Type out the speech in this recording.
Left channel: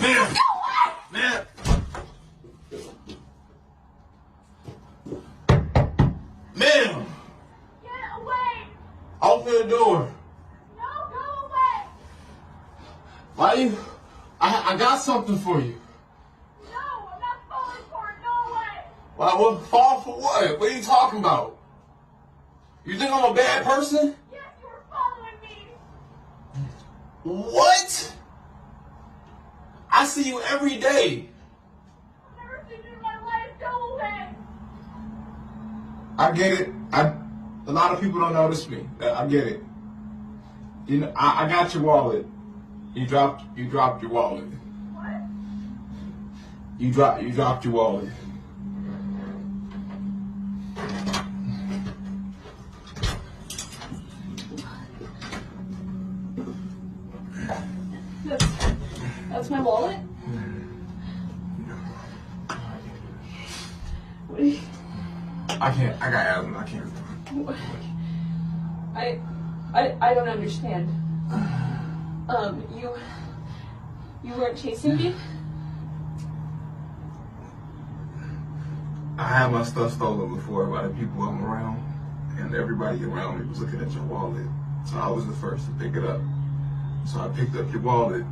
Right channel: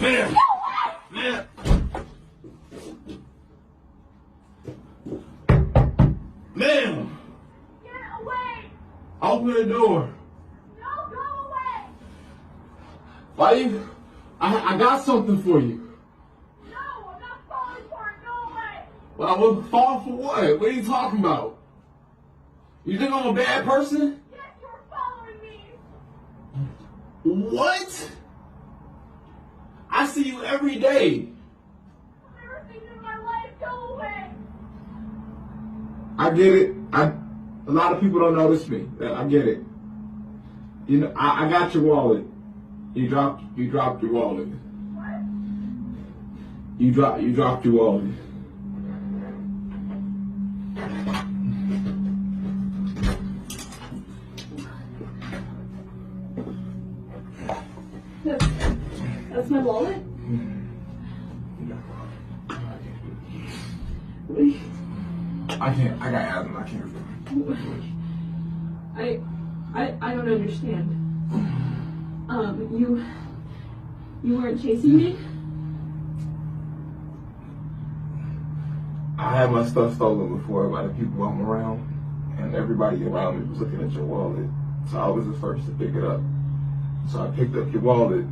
Man! Go away! Man! Ma'am! Get away! Open the door. No, go away! Why you? I got something for you. No, I'm not falling for it. Go away! Why, what, fall for what? What are you talking about? You think I'm a bad person? Yes, you're following me! What? I see you every day. I've never seen you in my life. Go away! I get it. A lot of people don't notice me. I get it. You know, I got your wallet. You dropped your wallet. What? You dropped your wallet. That's my wallet? What are you... I got asthma. I can't. I don't understand. You weren't chasing me? I had my stuff stolen before by the people I'm around, and everybody around me was looking at your wallet. So I was the first to pick it up. So I picked up your wallet,